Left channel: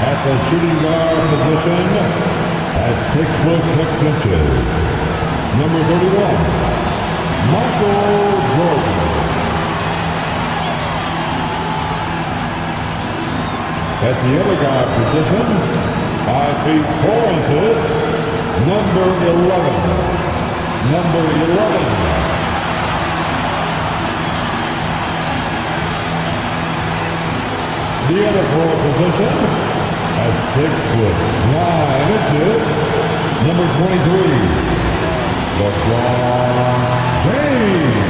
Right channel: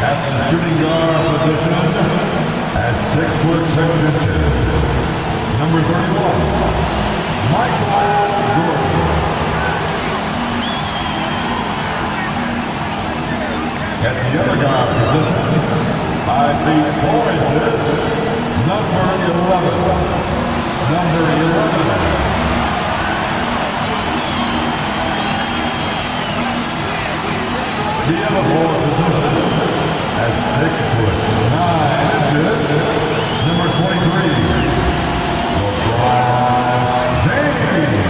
At the shooting guard position, at 6'6", number 31, Michael Jordan. At the other guard position, 5 feet 4 inches, number 11. Number 11. The other forward position, at 6'9", number 23, LeBron James.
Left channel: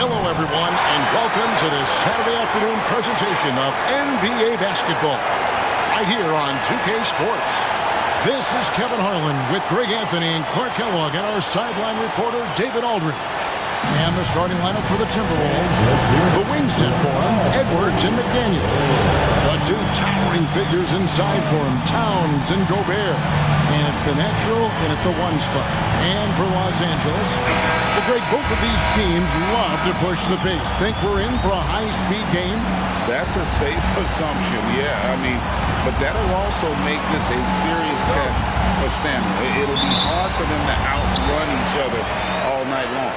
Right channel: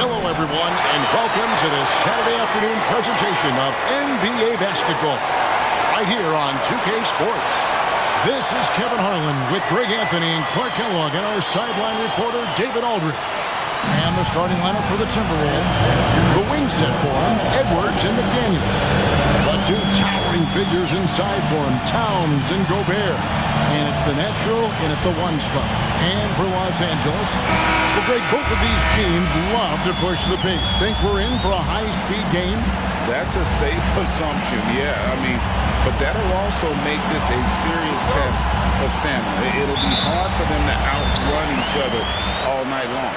Hello, everyone, and welcome to this Saturday afternoon presentation of NBA basketball, right here on 2K Sports. This is Kevin Harlan with Greg Anthony and Clark Kellogg and our sideline reporter, David Aldridge. And the starting lineup for the Timberwolves. The wing set for him, Edwards and McDaniels. The two towering figures inside for him, Towns and Gobert. And it's the natural in at the one spot. And for Los Angeles, well, Greg, both of these teams love to push the pace. Think we're in for a high-speed game? That's a safe assumption, yeah. But that'll also make this a serious test of stamina. It'll be hard for them to outrun each other all night long.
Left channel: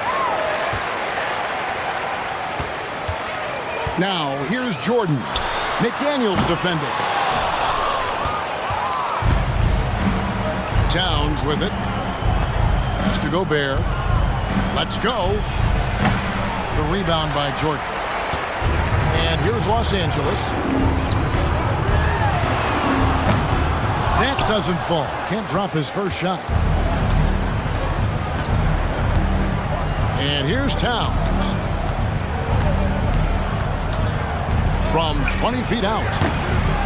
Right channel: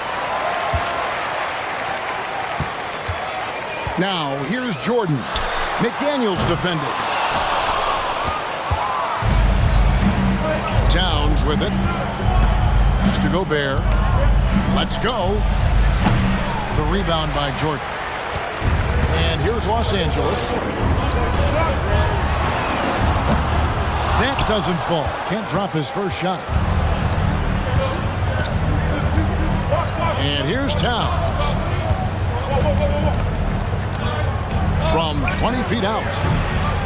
Now, here's Jordan. McDaniels defending. Towns with it. Pass to Gobert. Let's go. The rebound by Jordan. And here's Los Angeles. That doesn't fall. Can't drop his first shot. And here's Towns. From 20 feet out,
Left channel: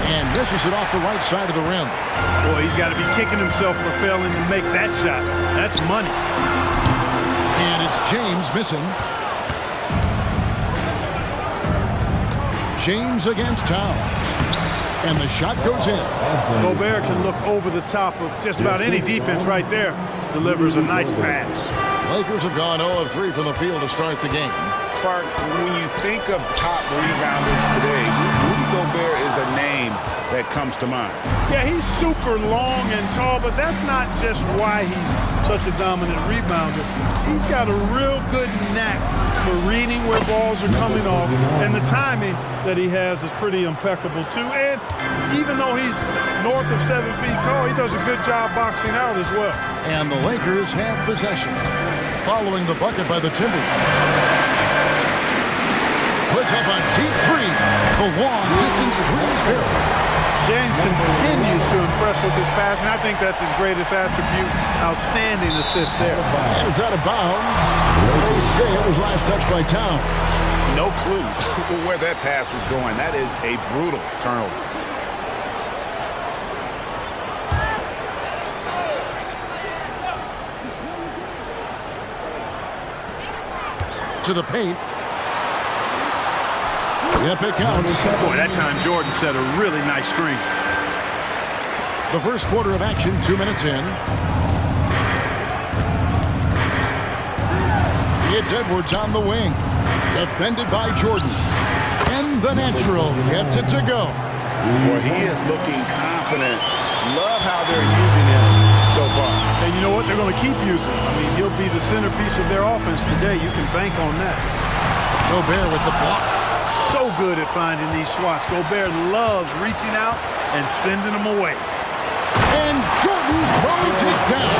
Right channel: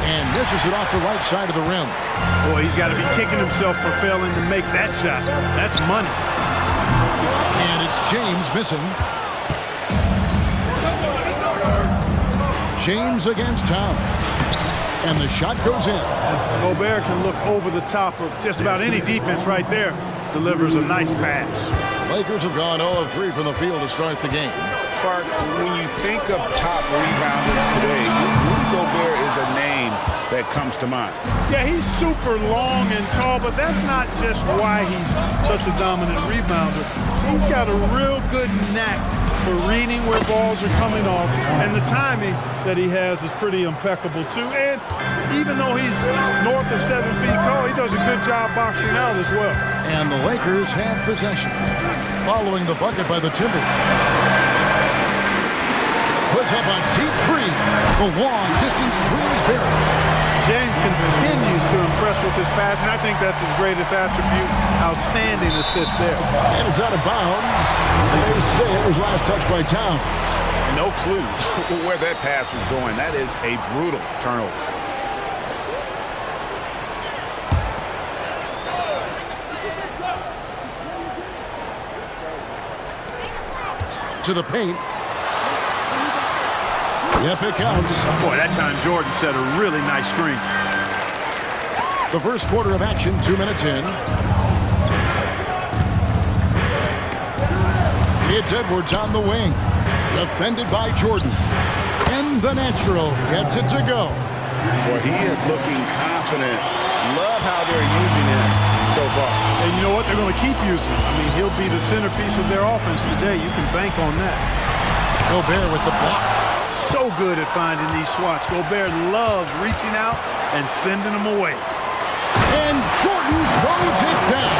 and misses it off the right side of the rim. Boy, he's got to be kicking himself for failing to make that shot. That's money. And it's James missing. James against Towns. And the shot goes in. Gobert can look over the top of just about any defense right there. Delivers a nice pass. Lakers have gone 0 of 3 from the field to start the game. Clark, when you think of top rebounders today, Rudy Gobert is a name that comes to mind. Yeah, he's super long and tall, but that's not just why he's such a dominant rebounder. He's got a real good knack for reading where balls are coming off, and the timing that he has is pretty impeccable too. And even though he's north of 7 feet tall, he does a good job boxing out as well. And the Lakers have possession, following the bucket by the Timberwolves. Puts up a deep three. The long distance three is buried. James continues to impress with his passing. I think that's his greatest attribute. Outstanding assist there. And it's out of bounds. They say it was last touched by Towns. No clue where that pass was going. That is a brutal turnover. To the paint. Yep, it counts. Boy, that time Jordan set a really nice screen. The first quarter of action, 2 minutes in. It's Edwards on the wing. Defended by Jordan. And the natural gets it to go. Boy, he is looking confident. Love how they're using him so far. And you know what? They're going to keep using him. I mean, he'll be the centerpiece of their offense today. You can bank on that. Gobert with the block. So good at finding these swats. Gobert loves reaching out and sending them away. And Jordan throws it down.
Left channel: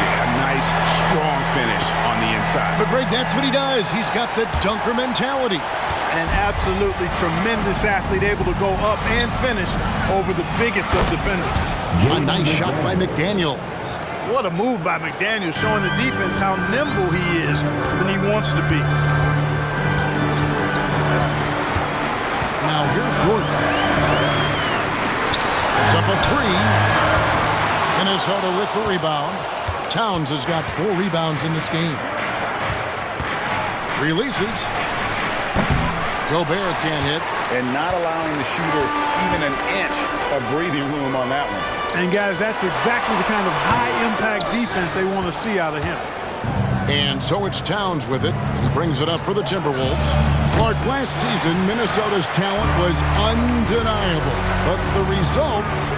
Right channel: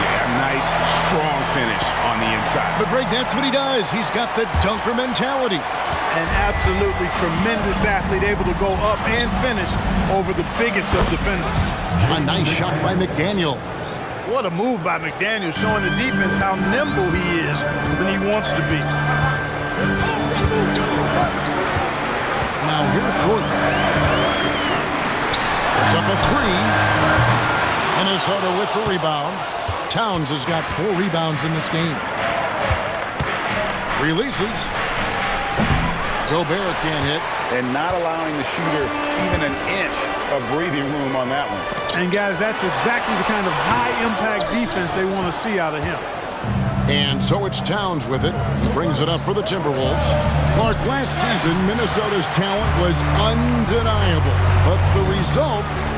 Yeah, nice, strong finish on the inside. But Greg, that's what he does. He's got the dunker mentality. An absolutely tremendous athlete, able to go up and finish over the biggest of defenders. A nice shot by McDaniels. What a move by McDaniels, showing the defense how nimble he is when he wants to be. Now here's Jordan. It's up a three. Minnesota with the rebound. Towns has got 4 rebounds in this game. Releases. Gobert can't hit. And not allowing the shooter even an inch of breathing room on that one. And, guys, that's exactly the kind of high-impact defense they want to see out of him. And so it's Towns with it. He brings it up for the Timberwolves. Clark, last season, Minnesota's talent was undeniable. But the results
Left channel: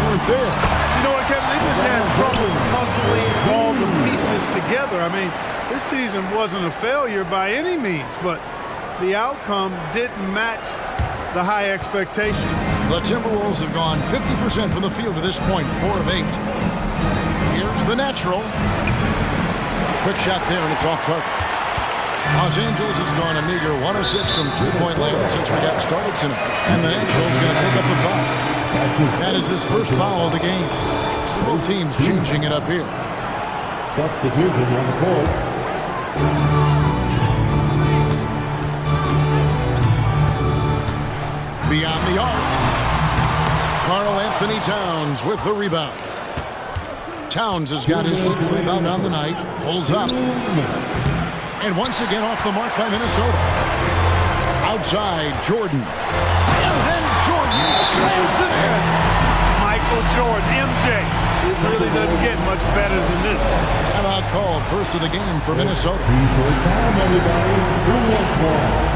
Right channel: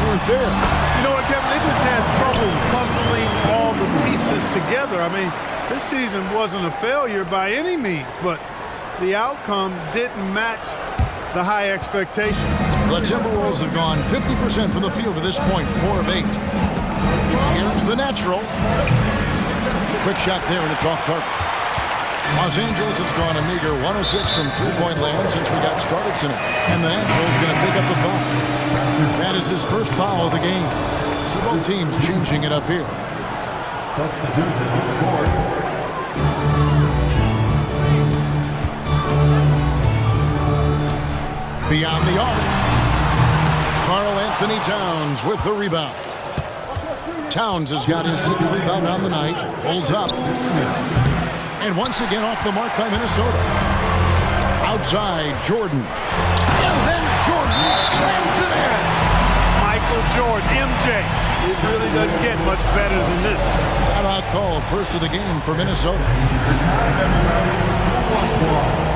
weren't there. You know what, Kevin? They just had trouble puzzling all the pieces together. I mean, this season wasn't a failure by any means, but the outcome didn't match the high expectation. The Timberwolves have gone 50% from the field to this point, 4 of 8. Here's the natural. Quick shot there, and it's off target. Los Angeles has gone a meager 1 of 6 from three-point land since we got started tonight. And the natural is going to pick up the foul. That is his first foul of the game. So both teams changing it up here. Substitution on the court. Beyond the arc. Karl Anthony Towns with the rebound. Towns has got his 6th rebound on the night. Pulls up. And once again off the mark by Minnesota. Outside, Jordan. And then Jordan slams it in. Michael Jordan, MJ. It really doesn't get much better than this. Timeout called, first of the game for Minnesota. Your time, everybody. Who wants one?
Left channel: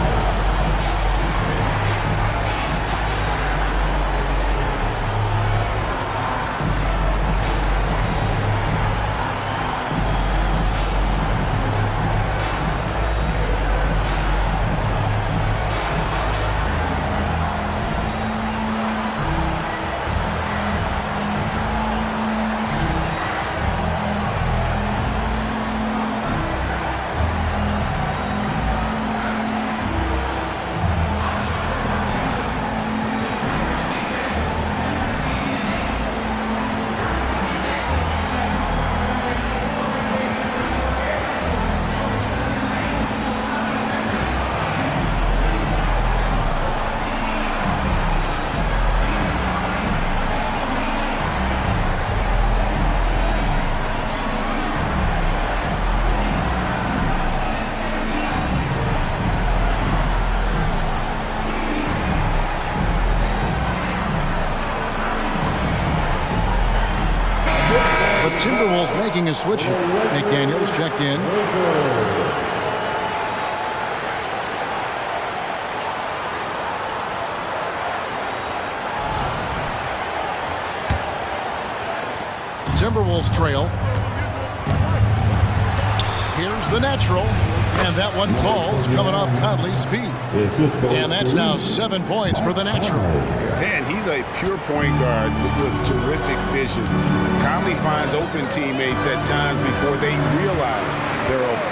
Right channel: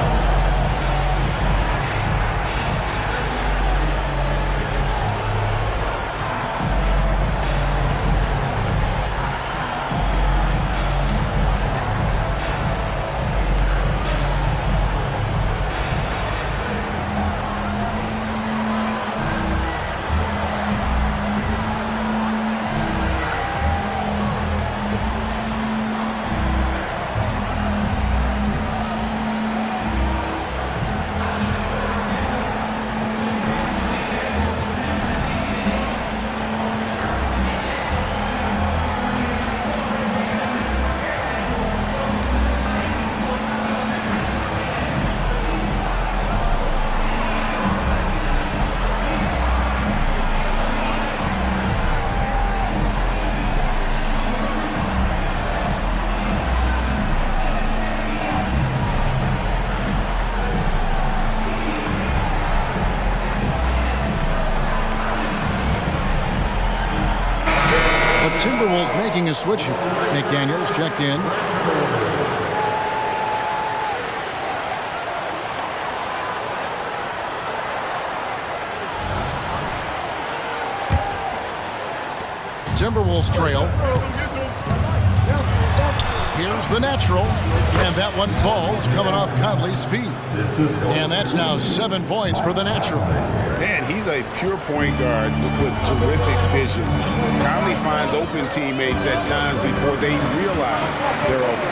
Timberwolves making a switch here. McDaniels checked in. Timberwolves trail. Here's the natural. And that one falls coming off Conley's feet. And that's now 7 points for the natural. Man, he's a pure point guard with terrific vision. Conley finds open teammates at times before they realize they're open.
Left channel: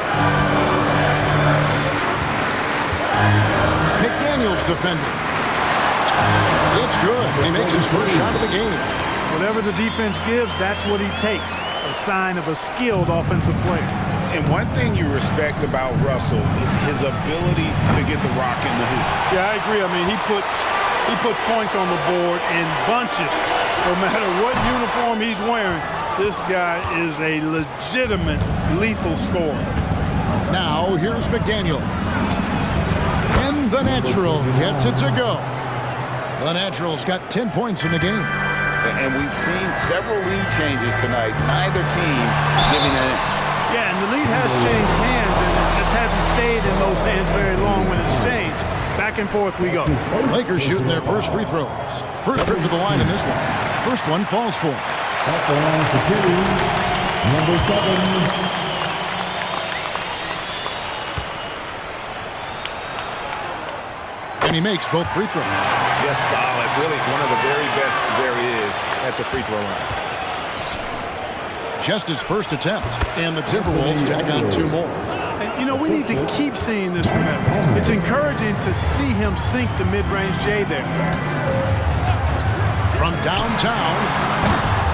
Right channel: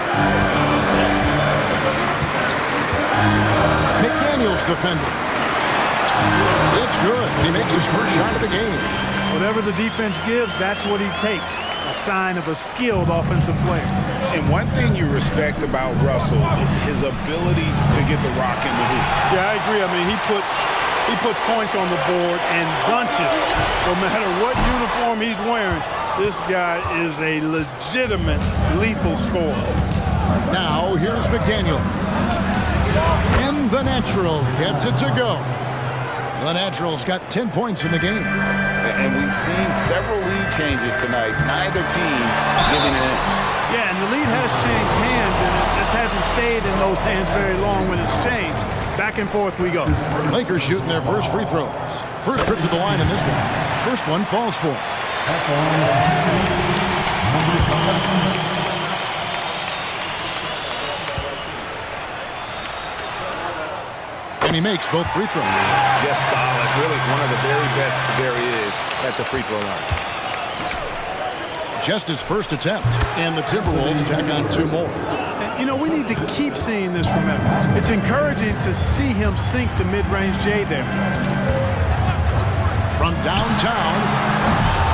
McDaniels defending. It's good, and he makes his first shot of the game. Whatever the defense gives, that's what he takes. A sign of a skilled offensive player. And one thing you respect about Russell, his ability to get the rock in the hoop. Yeah, I agree. I mean, he puts points on the board in bunches. No matter what uniform he's wearing, this guy is a legitimate lethal scorer. Now, here's McDaniels. And the natural gets it to go. The natural's got 10 points in the game. And we've seen several lead changes tonight. Neither team giving an inch. Yeah, and the lead has changed hands, and it just hasn't stayed in those hands very long when it's changed. Back and forth we go. Lakers shooting their first free throws. First trip to the line in this one. First one falls for. At the line for two, number 7. And he makes both free throws. Just solid. Really one of the very best there is at the free throw line. Just his first attempt. And the Timberwolves tack on 2 more. And, you know, we need to keep seeing this from him. It's encouraging to see him sink the mid-range J there. From downtown,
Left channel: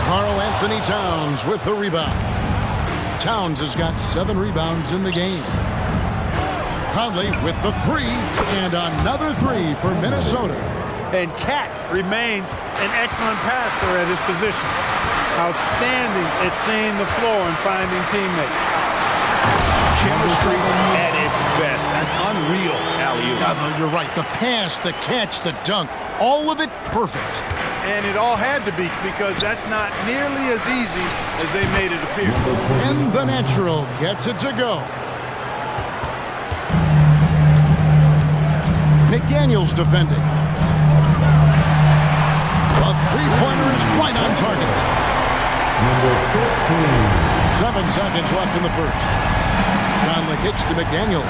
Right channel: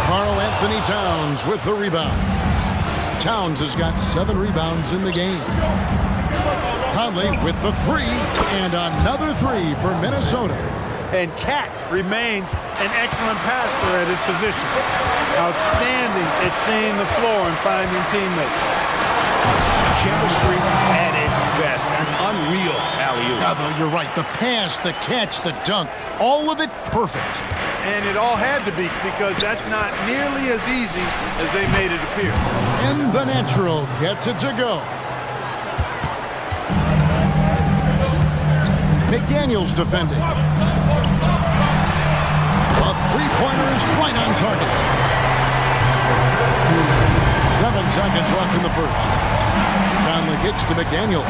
Karl Anthony Towns with the rebound. Towns has got 7 rebounds in the game. Conley with the 3, and another 3 for Minnesota. And Cat remains an excellent passer at his position. Outstanding at seeing the floor and finding teammates. Chemistry at its best. An unreal alley-oop. Now, though, you're right. The pass, the catch, the dunk. All of it perfect. And it all had to be, because that's not nearly as easy as they made it appear. And the natural gets it to go. McDaniels defending. A three-pointer is right on target. 7 seconds left in the first. Conley kicks to McDaniels.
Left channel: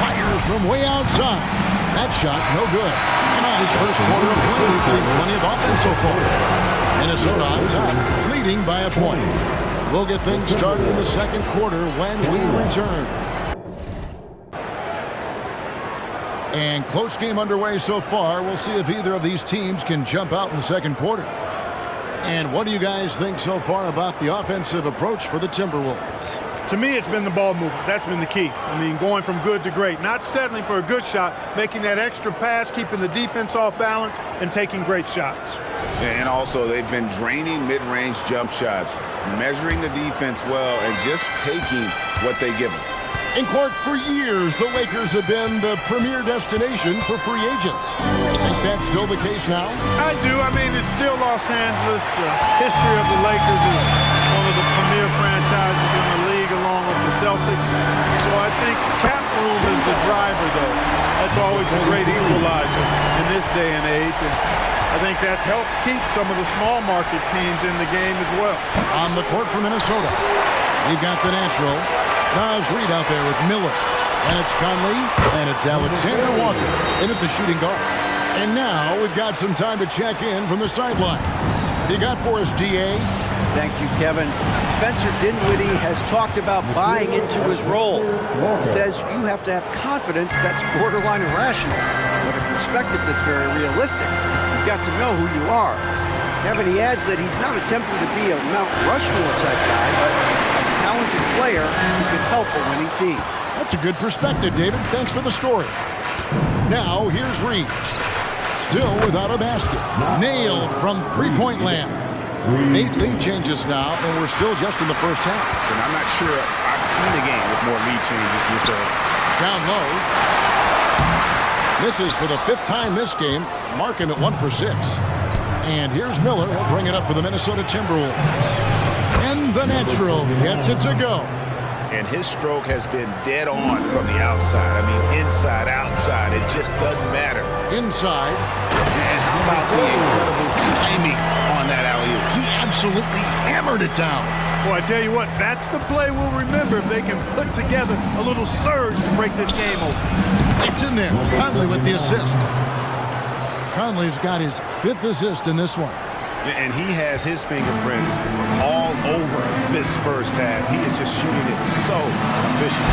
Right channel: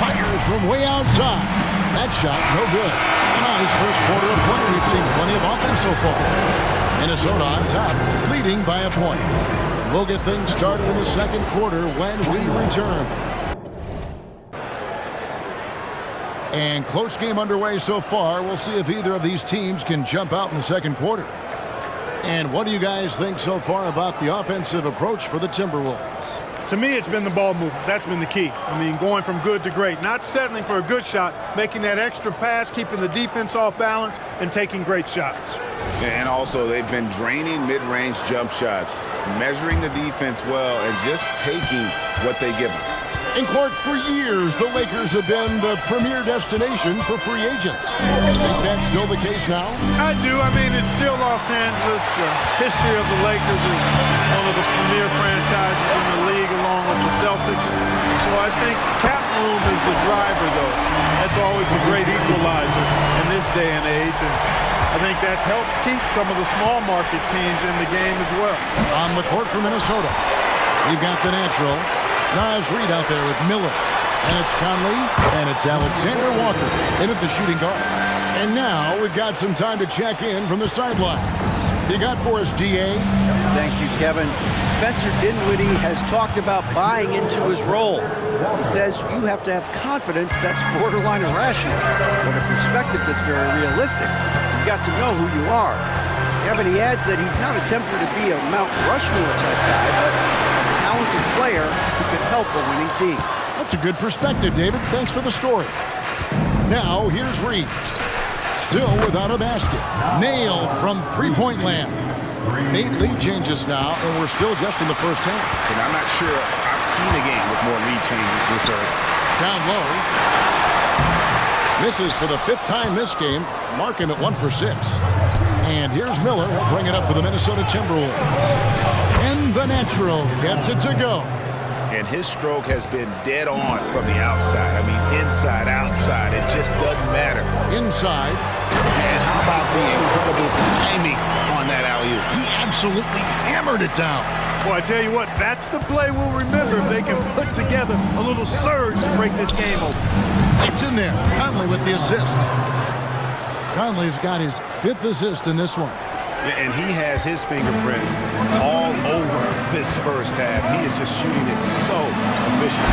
Fires from way outside. That shot, no good. A nice first quarter of play. We've seen plenty of offense so far. Minnesota on top, leading by a point. And we'll get things started in the second quarter when we return. And close game underway so far. We'll see if either of these teams can jump out in the second quarter. And what do you guys think so far about the offensive approach for the Timberwolves? To me, it's been the ball movement. That's been the key. I mean, going from good to great. Not settling for a good shot, making that extra pass, keeping the defense off balance, and taking great shots. And also, they've been draining mid-range jump shots, measuring the defense well, and just taking what they give them. And Clark, for years, the Lakers have been the premier destination for free agents. Think that's still the case now? I do. I mean, it's still Los Angeles. The history of the Lakers is one of the premier franchises in the league, along with the Celtics. So I think cap room is the driver, though. That's always the great equalizer in this day and age. And I think that helps keep some of the small market teams in the game as well. On the court for Minnesota, we've got the natural Naz Reid out there with Miller. And it's Conley, and it's Alexander Walker in at the shooting guard. And now we've got some time to check in from the sidelines. You got for us, D.A.? Thank you, Kevin. Spencer Dinwiddie has talked about buying into his role. He says you have to have confidence that's borderline irrational, but a perspective that's very realistic. You've got to know who you are. Kevin, he adds that he's not attempting to be a Mount Rushmore type guy, but a talented player who can help a winning team. That's a good perspective, David. Thanks for the story. Now, here's Reid. Still without a basket. Nailed from three-point land. 8 lead changes now, and we're still just in the first half. And I'm not sure I've seen a game with more lead changes this early. Down low. Misses for the 5th time this game, marking it 1 for 6. And here's Miller. He'll bring it up for the Minnesota Timberwolves. And the natural gets it to go. And his stroke has been dead on from the outside. I mean, inside, outside. It just doesn't matter. Inside. And how about the incredible timing on that alley-oop? He absolutely hammered it down. Boy, I tell you what, that's the play we'll remember if they can put together a little surge to break this game open. It's in there. Conley with the assist. Conley's got his 5th assist in this one. And he has his fingerprints all over this first half. He is just shooting it so efficient.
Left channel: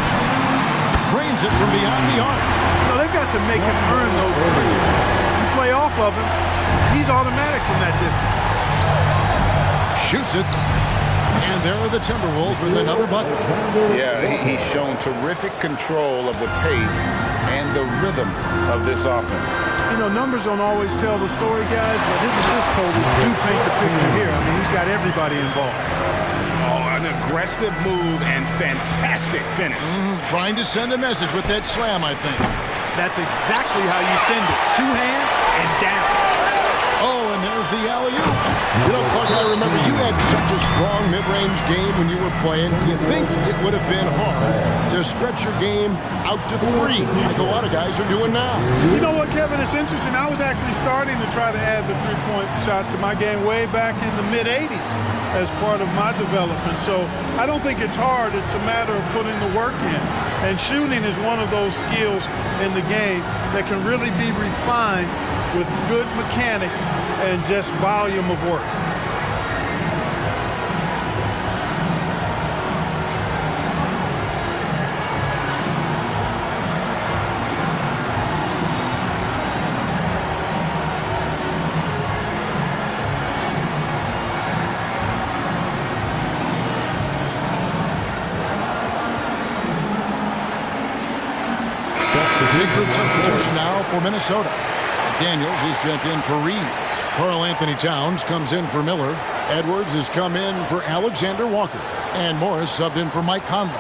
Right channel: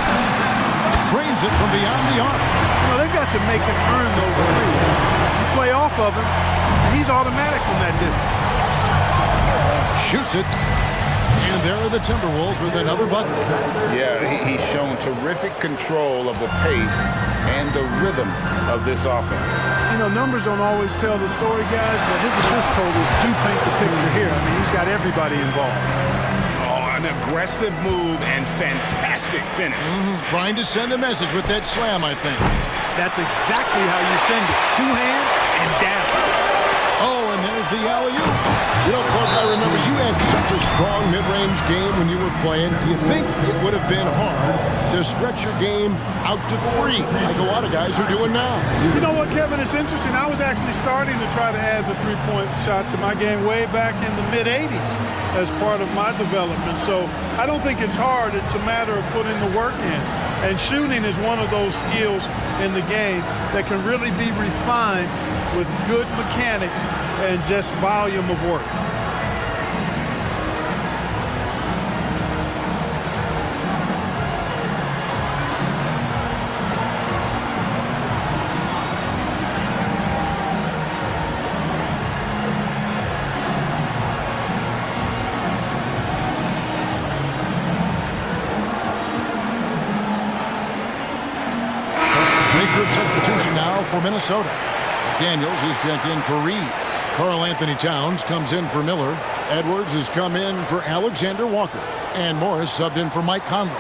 Drains it from beyond the arc. You know, they've got to make him earn those threes. You play off of him, and he's automatic from that distance. Shoots it. And there are the Timberwolves with another bucket. Yeah, he's shown terrific control of the pace and the rhythm of this offense. You know, numbers don't always tell the story, guys, but his assist totals do paint the picture here. I mean, he's got everybody involved. Oh, an aggressive move and fantastic finish. Trying to send a message with that slam, I think. That's exactly how you send it. 2 hands and down. Oh, and there's the alley-oop. You know, Clark, I remember you had such a strong mid-range game when you were playing. Do you think it would have been hard to stretch your game out to 3, like a lot of guys are doing now? You know what, Kevin? It's interesting. I was actually starting to try to add the three-point shot to my game way back in the mid-'80s as part of my development. So I don't think it's hard. It's a matter of putting the work in. And shooting is one of those skills in the game that can really be refined with good mechanics and just volume of work. Big group substitution now for Minnesota. McDaniels, he's checked in for Reid. Karl Anthony Towns comes in for Miller. Edwards has come in for Alexander Walker. And Morris subbed in for Mike Conley.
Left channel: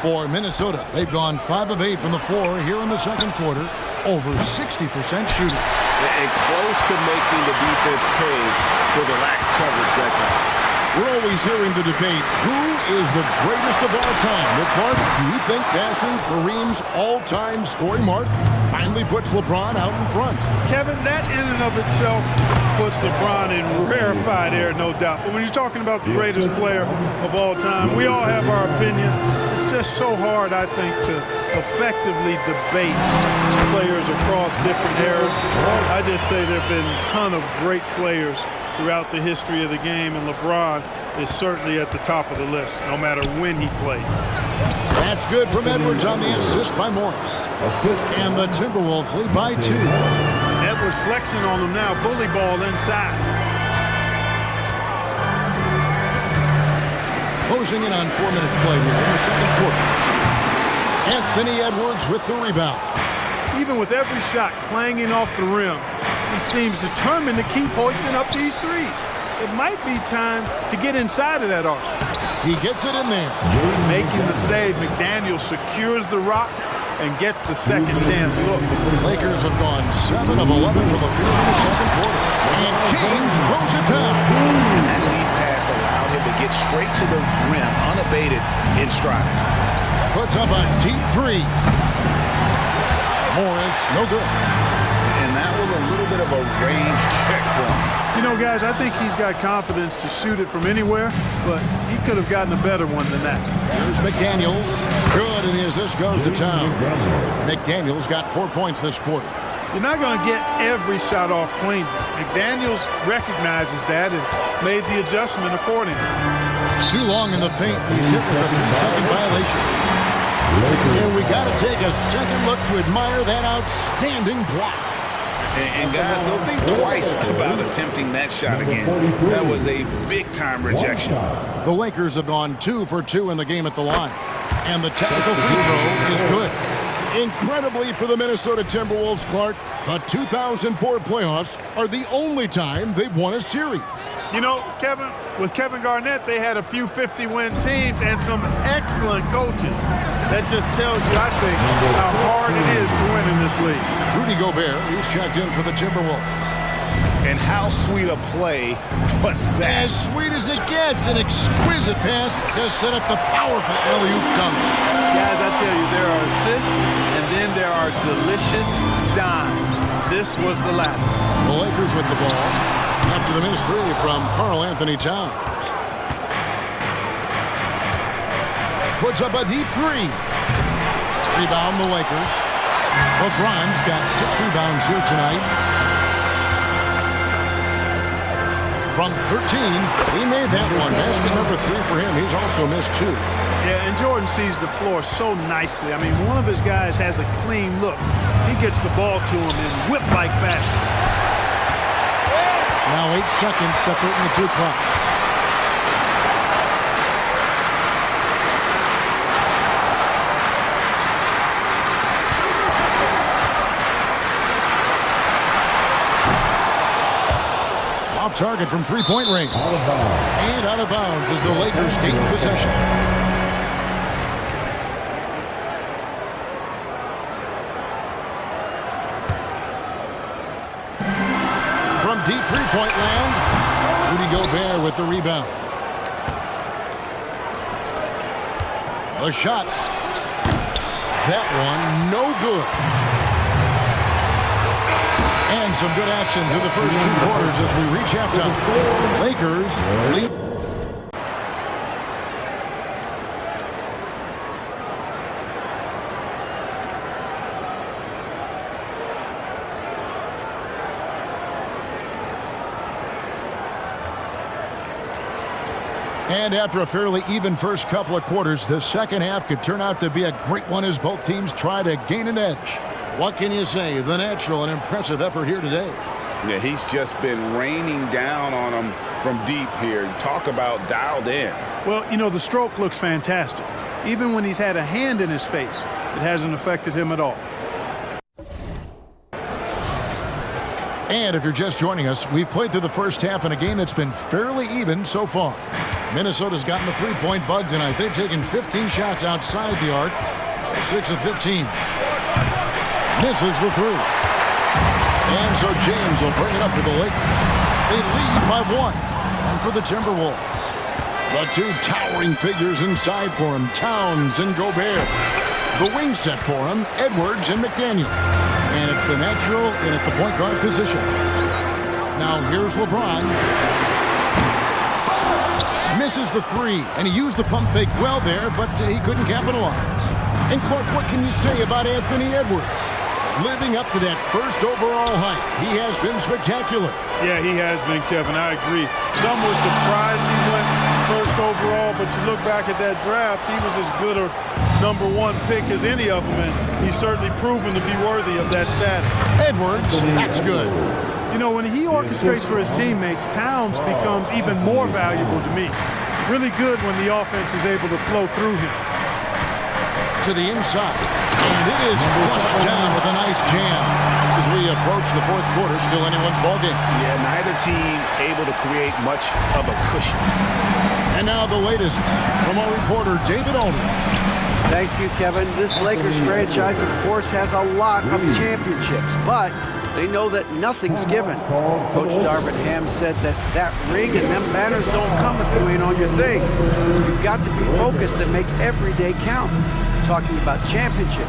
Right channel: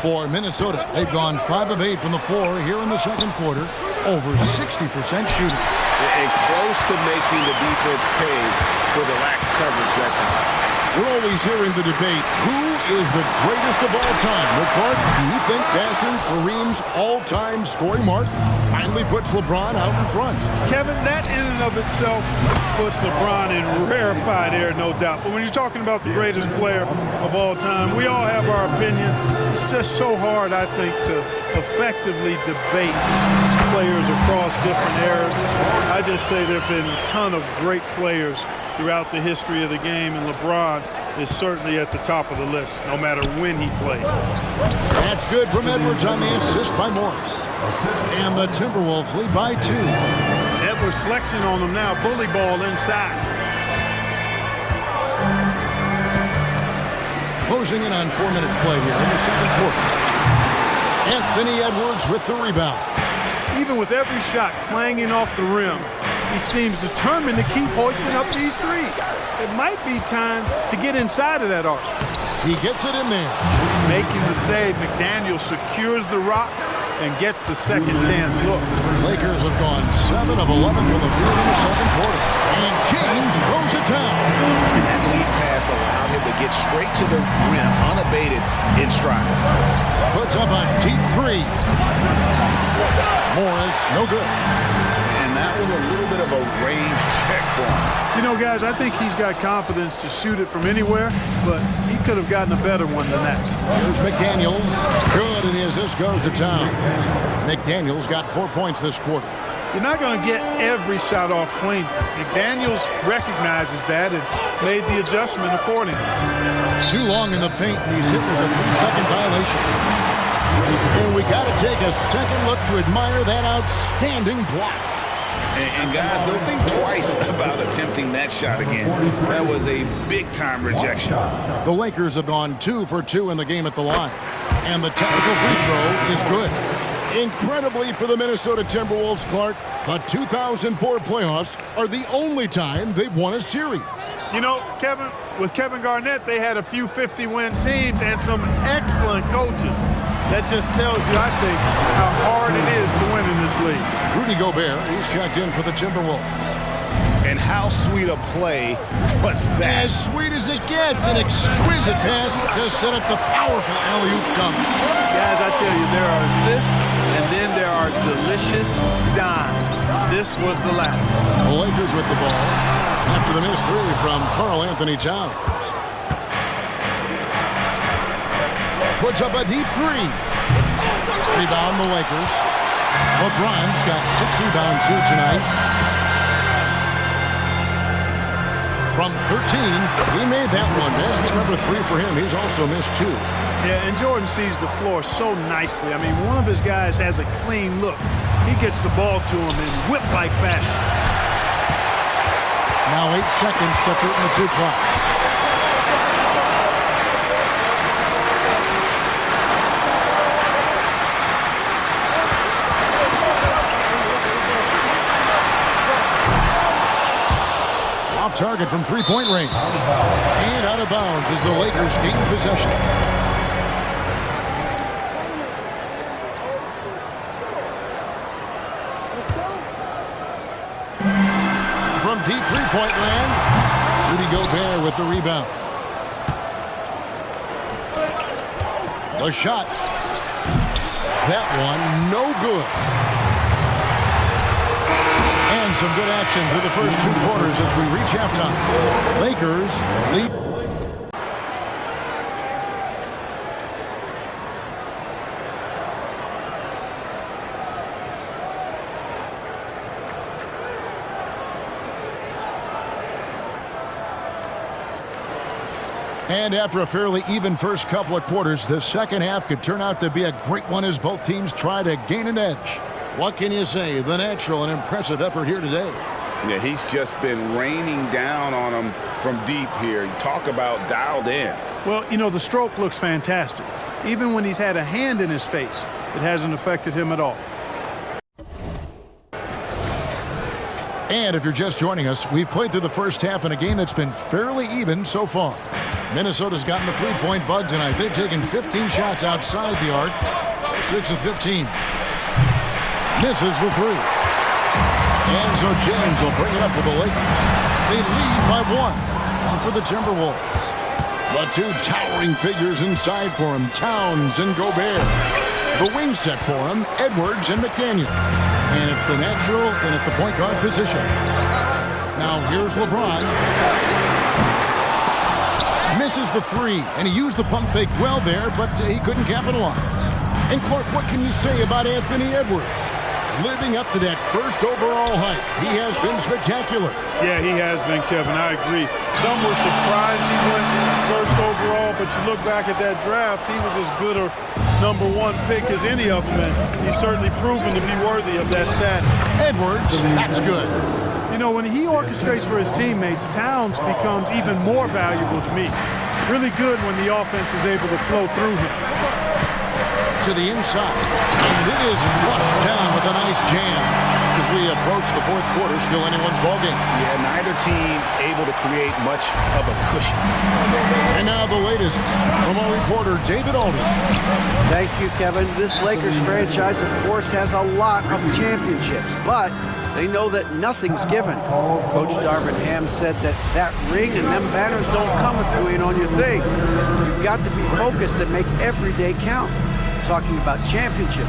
For Minnesota, they've gone 5 of 8 from the floor here in the second quarter, over 60% shooting. And close to making the defense pay for the lax coverage that time. We're always hearing the debate, who is the greatest of all time? Well, Clark, do you think passing Kareem's all-time scoring mark finally puts LeBron out in front? Kevin, that in and of itself puts LeBron in rarefied air, no doubt. But when you're talking about the greatest player of all time, we all have our opinion. It's just so hard, I think, to effectively debate players across different eras. I just say there have been a ton of great players throughout the history of the game, and LeBron is certainly at the top of the list, no matter when he played. That's good from Edwards on the assist by Morris. And the Timberwolves lead by 2. Edwards flexing on them now, bully ball inside. Closing in on 4 minutes played here in the second quarter. Anthony Edwards with the rebound. Even with every shot clanging off the rim, he seems determined to keep hoisting up these threes. It might be time to get inside of that arc. He gets it in there. Making the save, McDaniel secures the rock and gets the second chance look. Lakers have gone 7 of 11 from the field in the second quarter. And James throws it down. And that lead pass allowed him to get straight to the rim, unabated in stride. Puts up a deep 3. Morris, no good. And that was a little bit of a range check for him. You know, guys, I think he's got confidence to shoot it from anywhere, but he could have gotten a better one than that. Here's McDaniels. Good, and the assist goes to Towns. McDaniels got 4 points this quarter. You're not going to get every shot off clean. McDaniels recognizes that and made the adjustment accordingly. Too long in the paint, and he's hit with a 3-second violation. And we got to take a second look to admire that outstanding block. And guys, don't think twice about attempting that shot again. That was a big-time rejection. The Lakers have gone 2 for 2 in the game at the line. And the technical free throw is good. Incredibly for the Minnesota Timberwolves, Clark, the 2004 playoffs are the only time they've won a series. You know, Kevin, with Kevin Garnett, they had a few 50-win teams and some excellent coaches. That just tells you, I think, how hard it is to win in this league. Rudy Gobert, he's checked in for the Timberwolves. And how sweet a play was that? As sweet as it gets, an exquisite pass to set up the powerful alley-oop dunk. Guys, I tell you, there are assists, and then there are delicious dimes. This was the latter. The Lakers with the ball after the missed 3 from Karl Anthony Towns. Puts up a deep 3. Rebound the Lakers. LeBron's got 6 rebounds here tonight. From 13, he made that one. Basket number 3 for him. He's also missed 2. Yeah, and Jordan sees the floor so nicely. I mean, one of his guys has a clean look. He gets the ball to him in whip-like fashion. Now 8 seconds separating the 2 clocks. Off target from 3-point range. And out of bounds as the Lakers gain possession. From deep 3-point land, Rudy Gobert with the rebound. The shot. That one, no good. And some good action through the first 2 quarters as we reach halftime. Lakers lead. And after a fairly even first couple of quarters, the second half could turn out to be a great one as both teams try to gain an edge. What can you say? The natural and impressive effort here today. Yeah, he's just been raining down on them from deep here. Talk about dialed in. Well, you know, the stroke looks fantastic. Even when he's had a hand in his face, it hasn't affected him at all. And if you're just joining us, we've played through the first half in a game that's been fairly even so far. Minnesota's gotten the three-point bug tonight. They've taken 15 shots outside the arc. 6 of 15. Misses the three. And so James will bring it up for the Lakers. They lead by 1. And for the Timberwolves. The two towering figures inside for him, Towns and Gobert. The wing set for him, Edwards and McDaniels. And it's the natural in at the point guard position. Now here's LeBron. Misses the three, and he used the pump fake well there, but he couldn't capitalize. And Clark, what can you say about Anthony Edwards? Living up to that first overall hype, he has been spectacular. Yeah, he has been, Kevin. I agree. Some were surprised he went first overall, but you look back at that draft, he was as good a #1 pick as any of them, and he's certainly proven to be worthy of that status. Edwards, that's good. You know, when he orchestrates for his teammates, Towns becomes even more valuable to me. Really good when the offense is able to flow through him. To the inside, and it is flushed down with a nice jam. As we approach the fourth quarter, still anyone's ballgame. Yeah, neither team able to create much of a cushion. And now the latest from our reporter, David Aldridge. Thank you, Kevin. This Lakers franchise, of course, has a lot of championships, but they know that nothing's given. Coach Darvin Ham said that ring and them banners don't come if you ain't on your thing. You've got to be focused and make every day count. Talking about championship.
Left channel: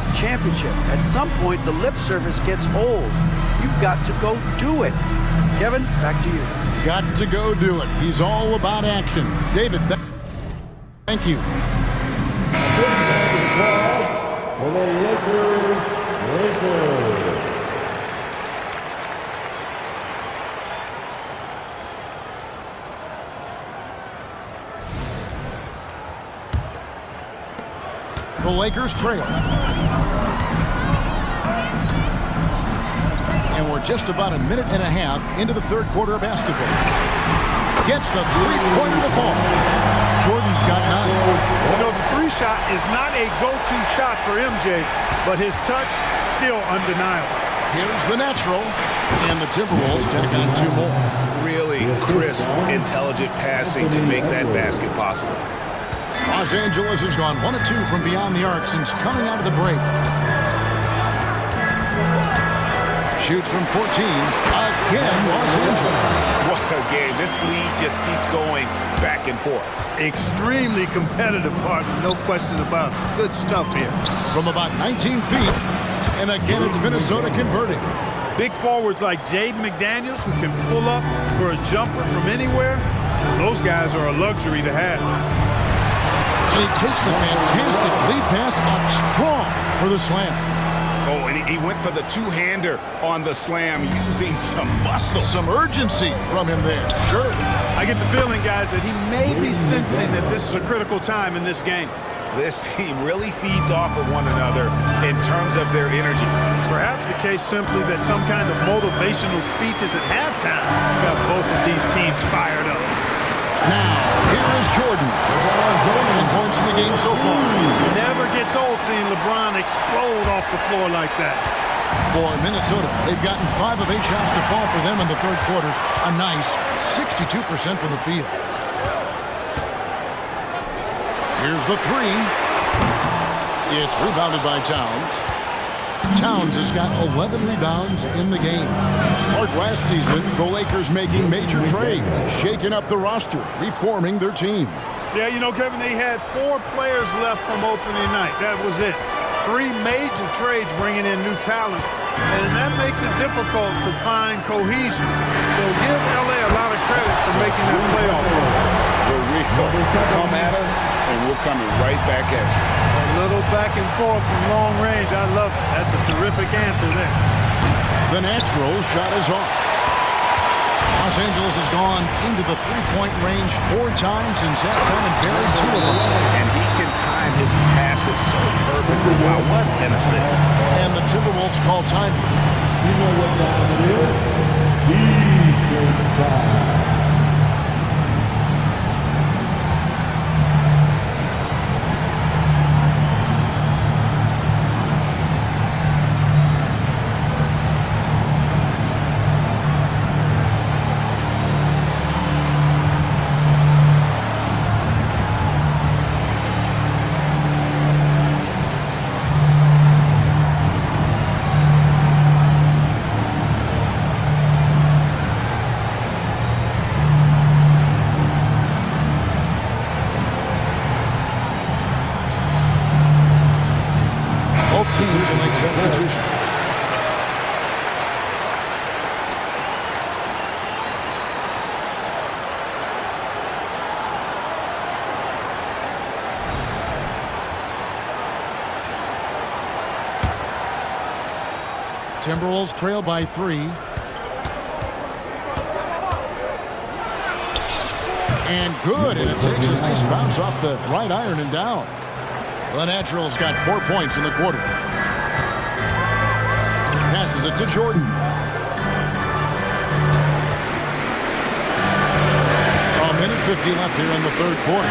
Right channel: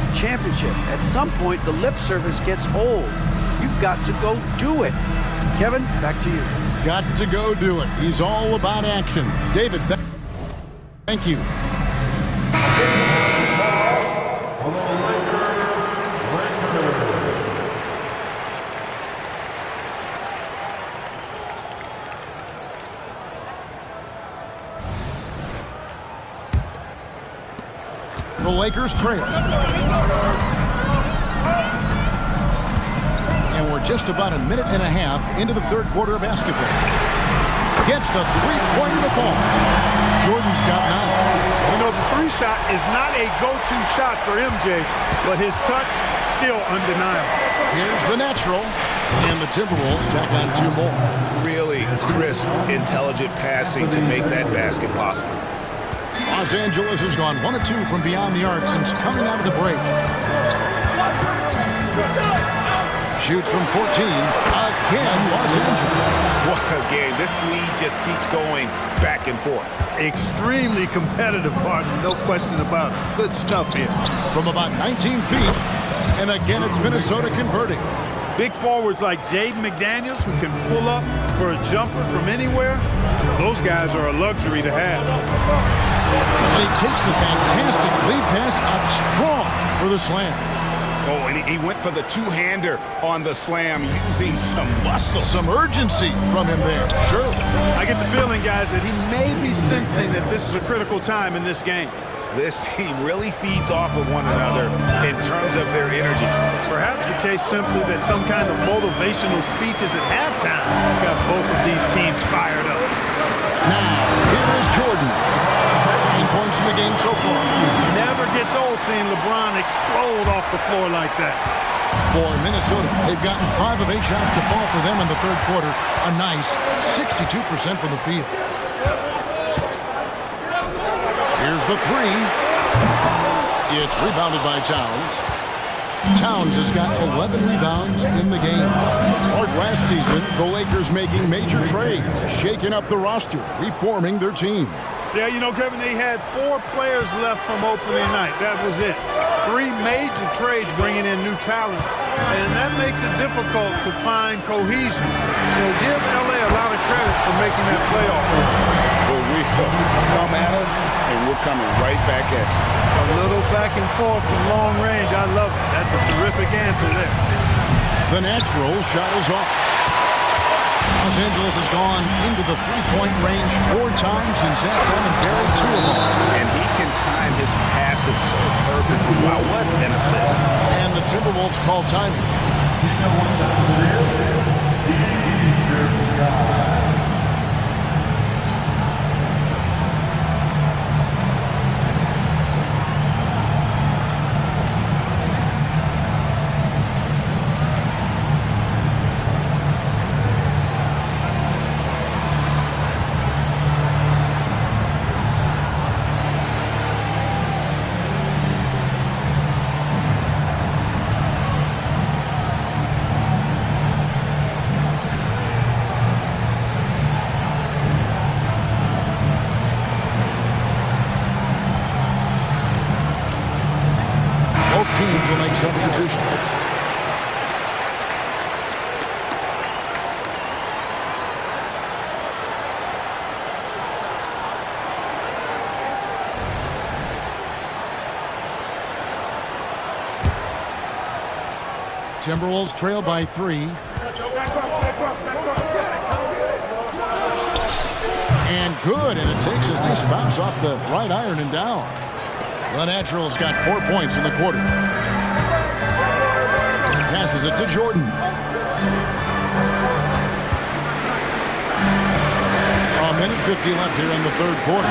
At some point, the lip service gets old. You've got to go do it. Kevin, back to you. Got to go do it. He's all about action. David, thank you. For the Lakers. The Lakers trail. And we're just about a minute and a half into the third quarter of basketball. Gets the three-pointer to fall. Jordan's got 9. You know, the three shot is not a go-to shot for MJ, but his touch still undeniable. Here's the natural. And the Timberwolves tack on 2 more. Really crisp, intelligent passing to make that basket possible. Los Angeles has gone 1 of 2 from beyond the arc since coming out of the break. Shoots from 14. Again, Los Angeles. What a game. This lead just keeps going back and forth. Extremely competitive, partner, no question about it. Good stuff here. From about 19 feet. And again, it's Minnesota converting. Big forwards like Jaden McDaniels, who can pull up for a jumper from anywhere, those guys are a luxury to have. And he takes the fantastic lead pass up strong for the slam. Oh, and he went for the two-hander on the slam using some muscle. Some urgency from him there, sure. I get the feeling, guys, that he may be sensing that this is a critical time in this game. This team really feeds off of one another in terms of their energy. Perhaps the case simply that some kind of motivational speeches at halftime got both of these teams fired up. Now, here is Jordan. 9 points in the game so far. Never gets old seeing LeBron explode off the floor like that. For Minnesota, they've gotten 5 of 8 shots to fall for them in the third quarter. A nice 62% from the field. Here's the three. It's rebounded by Towns. Towns has got 11 rebounds in the game. Like last season, the Lakers making major trades, shaking up the roster, reforming their team. Yeah, you know, Kevin, they had 4 players left from opening night. That was it. 3 major trades bringing in new talent, and that makes it difficult to find cohesion. So give LA a lot of credit for making that playoff run. We're real. Come at us, and we're coming right back at you. A little back and forth from long range. I love it. That's a terrific answer there. The natural shot is off. Los Angeles has gone into the three-point range 4 times since halftime and buried 2 of them. And he can time his passes so perfectly. Wow, what an assist. And the Timberwolves call timing. You know what time it is? T-shirt time. make substitutions. Timberwolves trail by 3. And good, and it takes a nice bounce off the right iron and down. The Naturals got 4 points in the quarter. Passes it to Jordan. A minute 50 left here in the third quarter.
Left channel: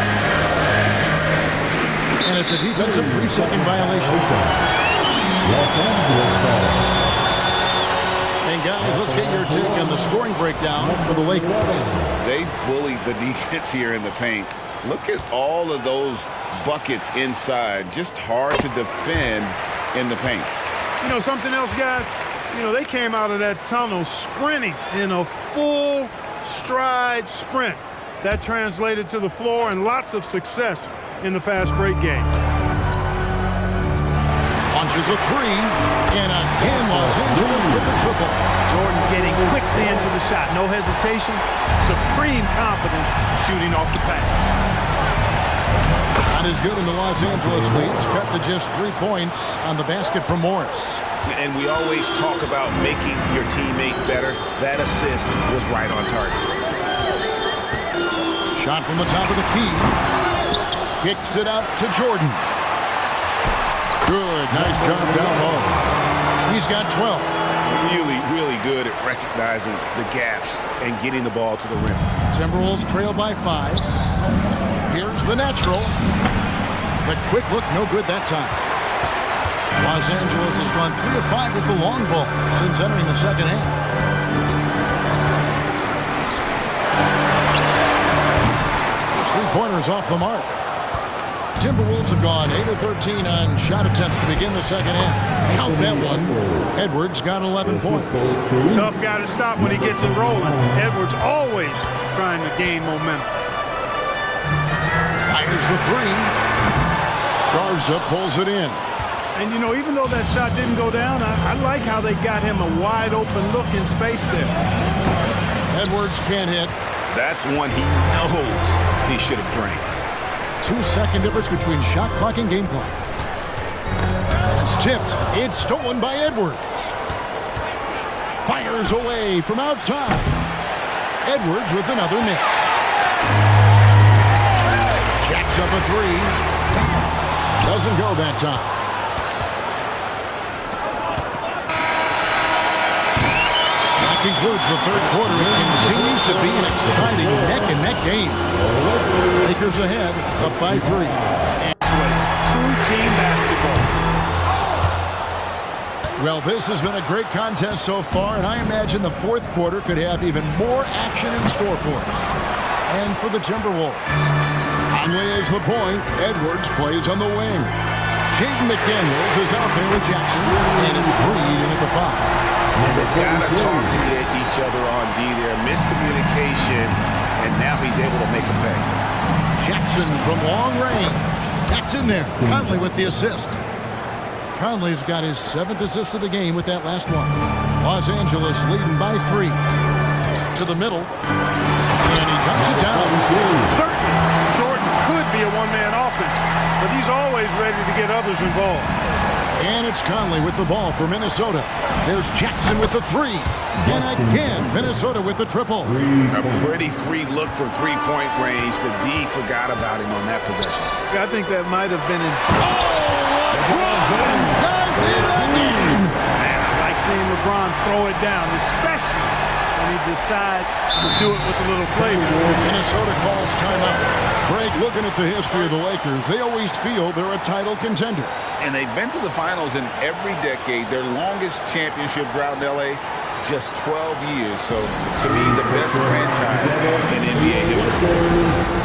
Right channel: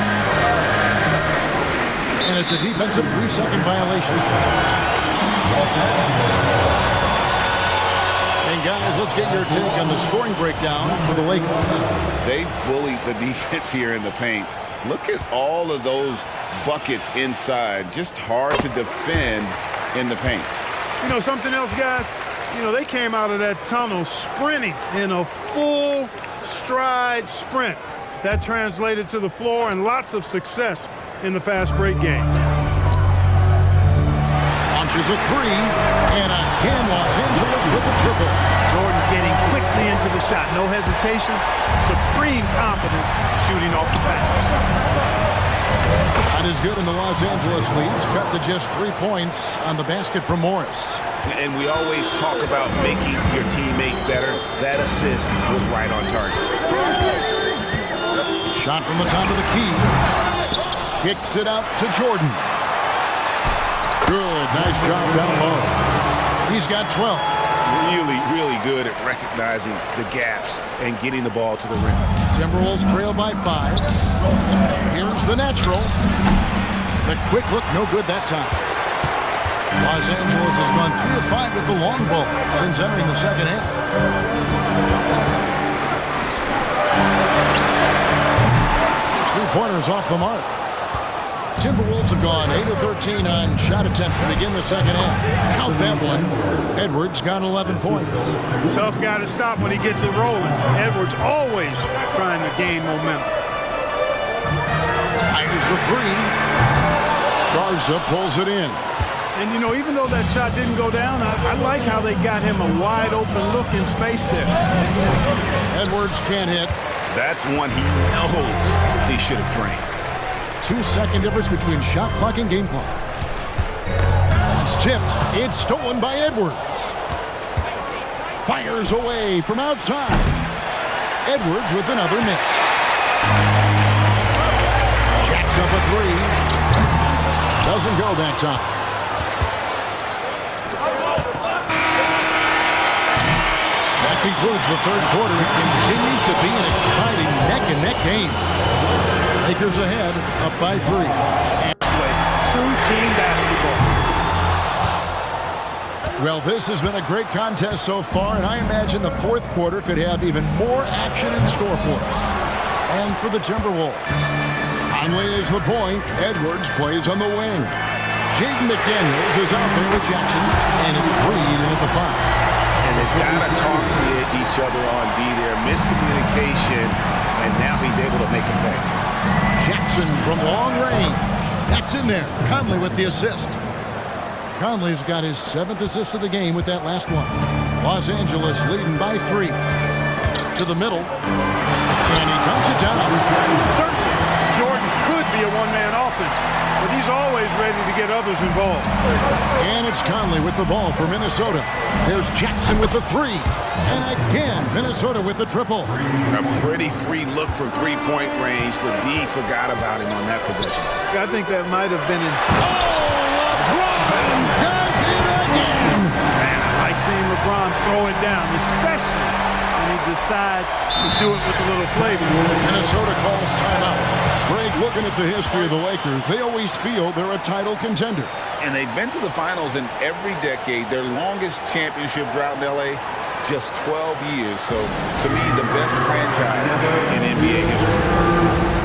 And it's a defensive 3-second violation. And guys, let's get your take on the scoring breakdown for the Lakers. They bullied the defense here in the paint. Look at all of those buckets inside. Just hard to defend in the paint. You know something else, guys? You know, they came out of that tunnel sprinting in a full stride sprint. That translated to the floor and lots of success in the fast break game. Launches a 3, and again Los Angeles with the triple. Jordan getting quickly into the shot. No hesitation. Supreme confidence shooting off the pass. Not as good in the Los Angeles leads. Cut to just 3 points on the basket from Morris. And we always talk about making your teammate better. That assist was right on target. Shot from the top of the key. Kicks it out to Jordan. Good, nice job down low. He's got 12. Really good at recognizing the gaps and getting the ball to the rim. Timberwolves trail by 5. Here's the natural. The quick look, no good that time. Los Angeles has gone 3 of 5 with the long ball since entering the second half. Those 3-pointers off the mark. Timberwolves have gone 8 of 13 on shot attempts to begin the second half. Count that one. Edwards got 11 points. Tough guy to stop when he gets it rolling. Edwards always trying to gain momentum. Fires the 3. Garza pulls it in. And, you know, even though that shot didn't go down, I like how they got him a wide open look in space there. Edwards can't hit. That's one he knows he should have drained. 2-second difference between shot clock and game clock. That's tipped. It's stolen by Edwards. Fires away from outside. Edwards with another miss. Jacks up a 3. Doesn't go that time. That concludes the third quarter. It continues to be an exciting neck-and-neck game. Lakers ahead, up by 3. True team basketball. Well, this has been a great contest so far, and I imagine the fourth quarter could have even more action in store for us. And for the Timberwolves, Conley is the point. Edwards plays on the wing. Jaden McDaniels is out there with Jackson, and it's Reed in at the 5. And they've got to talk to each other on D there. Miscommunication, and now he's able to make a pay. Jackson from long range. That's in there. Conley with the assist. Conley's got his 7th assist of the game with that last one. Los Angeles leading by 3. To the middle. And he dunks it down. Certainly, Jordan could be a one-man offense, but he's always ready to get others involved. And it's Conley with the ball for Minnesota. There's Jackson with the 3. And again, Minnesota with the triple. A pretty free look from three-point range. The D forgot about him on that possession. I think that might have been in LeBron does it again. Man, I like seeing LeBron throw it down, especially when he decides to do it with a little flavor. Minnesota calls timeout. Greg, looking at the history of the Lakers, they always feel they're a title contender. And they've been to the finals in every decade. Their longest championship drought in L.A., just 12 years. So, to me, the best franchise in NBA history.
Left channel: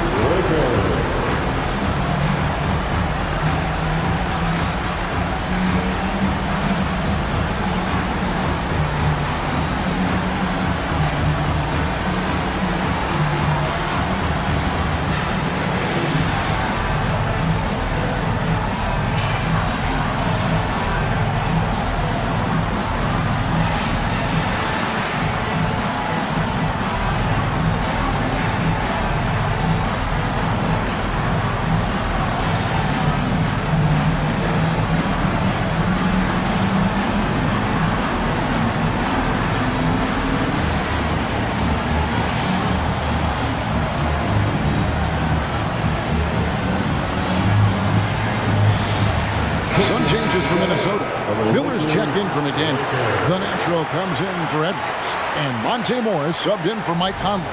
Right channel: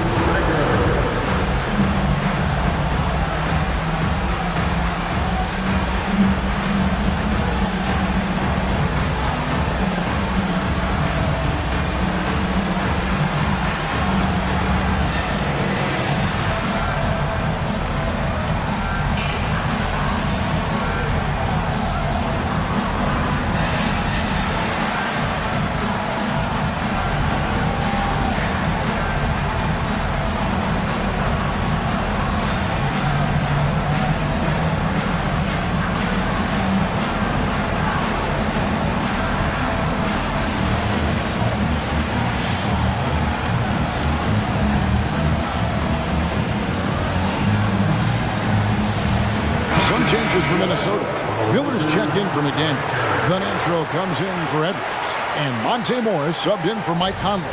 Some changes for Minnesota. Miller's checked in for McDaniel. The natural comes in for Edwards. And Monte Morris subbed in for Mike Conley.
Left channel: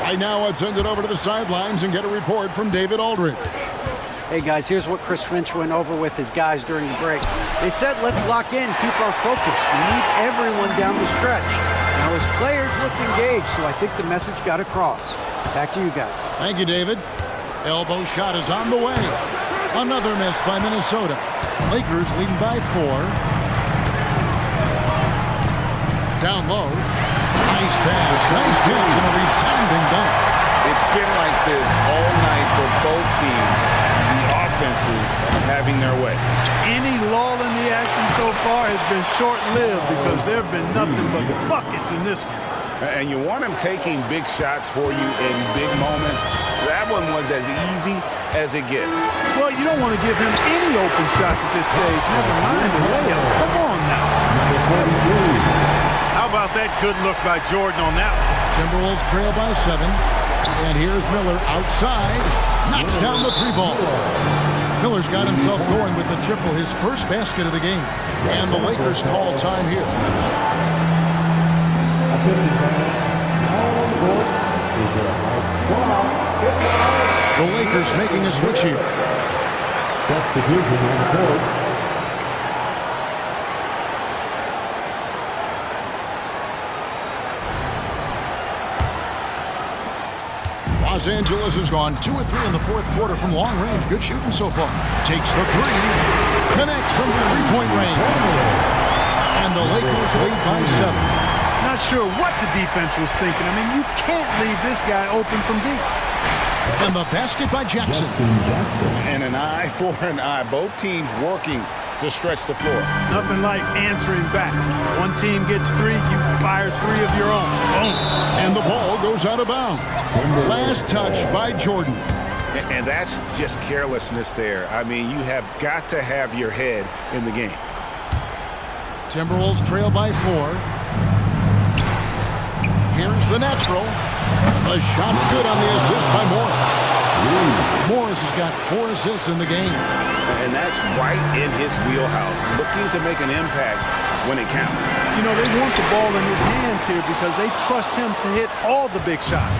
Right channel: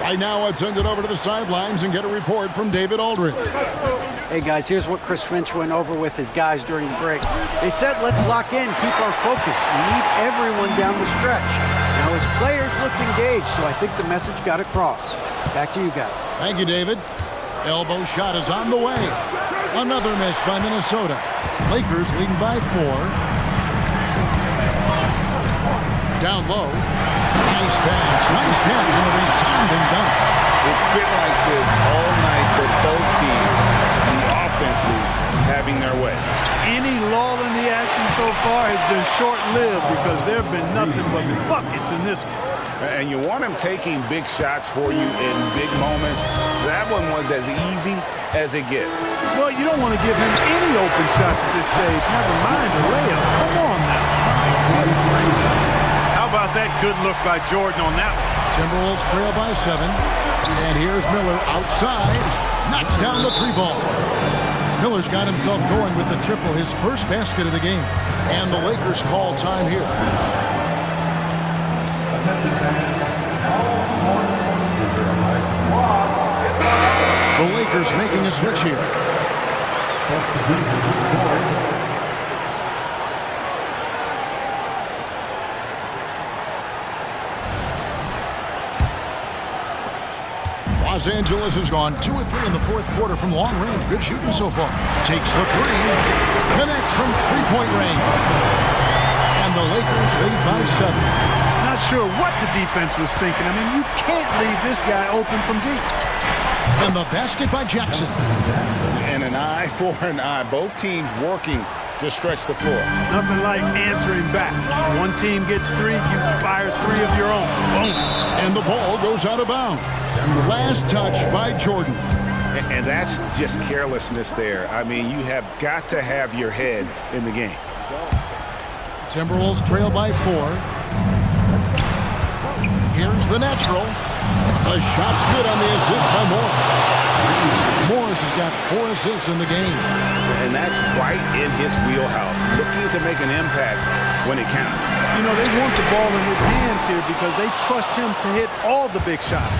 Right now, let's send it over to the sidelines and get a report from David Aldridge. Hey guys, here's what Chris Finch went over with his guys during the break. They said, let's lock in, keep our focus. We need everyone down the stretch. Now his players looked engaged, so I think the message got across. Back to you guys. Thank you, David. Elbow shot is on the way. Another miss by Minnesota. Lakers leading by 4. Down low. Nice pass, nice catch, and a resounding dunk. It's been like this all night for both teams. The offenses having their way. Any lull in the action so far has been short-lived because there have been nothing but buckets in this one. And you want him taking big shots for you in big moments. That one was as easy as it gets. Well, you don't want to give him any open shots at this stage. Never mind a layup. Come on now. My goodness. How about that good look by Jordan on that one? Timberwolves trail by 7. And here's Miller outside. Knocks down the 3 ball. Miller's got himself going with the triple, his first basket of the game. And the Lakers call time here. The Lakers making a switch here. Substitution on the board. Los Angeles has gone 2 of 3 in the fourth quarter from long range. Good shooting so far. Takes the 3. Connects from 3-point range. And the Lakers lead by 7. Not sure what the defense was thinking. I mean, you can't leave this guy open from deep. And the basket by Jackson. And an eye for an eye. Both teams working to stretch the floor. Nothing like answering back. One team gets 3, you fire 3 of your own. Boom. And the ball goes out of bounds. Last touch by Jordan. And that's just carelessness there. I mean, you have got to have your head in the game. Timberwolves trail by 4. Here's the natural. The shot's good on the assist by Morris. Morris has got 4 assists in the game. And that's right in his wheelhouse, looking to make an impact when it counts. You know, they want the ball in his hands here because they trust him to hit all the big shots.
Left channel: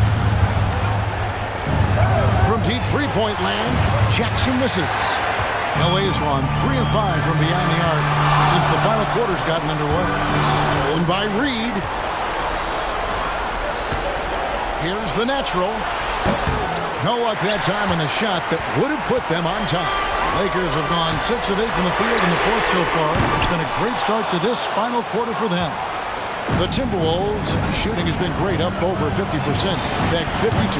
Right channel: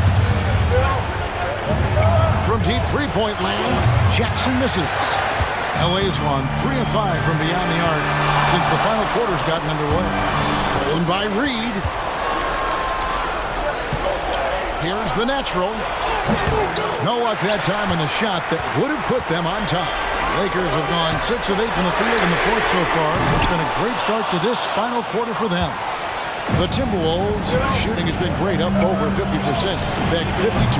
From deep 3-point land, Jackson misses. LA's won 3 of 5 from beyond the arc since the final quarter's gotten underway. Stolen by Reed. Here's the natural. No luck that time on the shot that would have put them on top. Lakers have gone 6 of 8 from the field in the fourth so far. It's been a great start to this final quarter for them. The Timberwolves shooting has been great, up over 50%. In fact, 52%.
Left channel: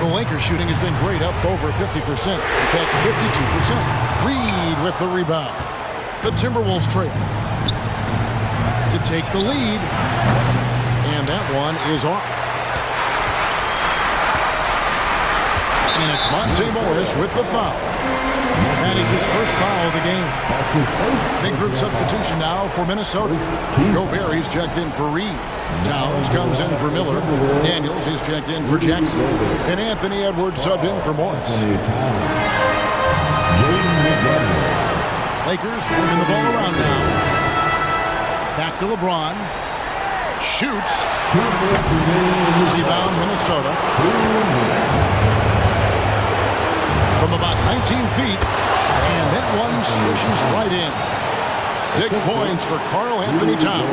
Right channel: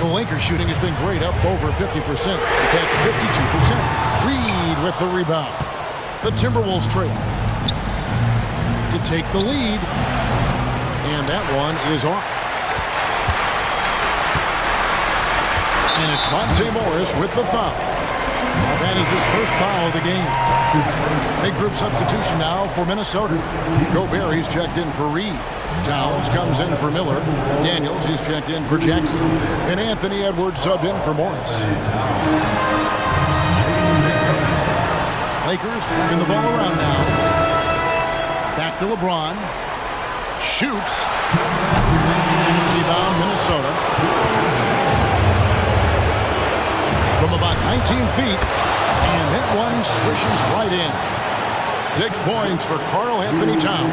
The Lakers shooting has been great, up over 50%. In fact, 52%. Reed with the rebound. The Timberwolves trail to take the lead. And that one is off. And it's Monte Morris with the foul. That is his first foul of the game. Big group substitution now for Minnesota. Gobert, he's checked in for Reed. Towns comes in for Miller. Daniels, he's checked in for Jackson. And Anthony Edwards subbed in for Morris. Lakers working the ball around now. Back to LeBron. Shoots. Rebound Minnesota. From about 19 feet. And that one swishes right in. 6 points for Karl Anthony Towns.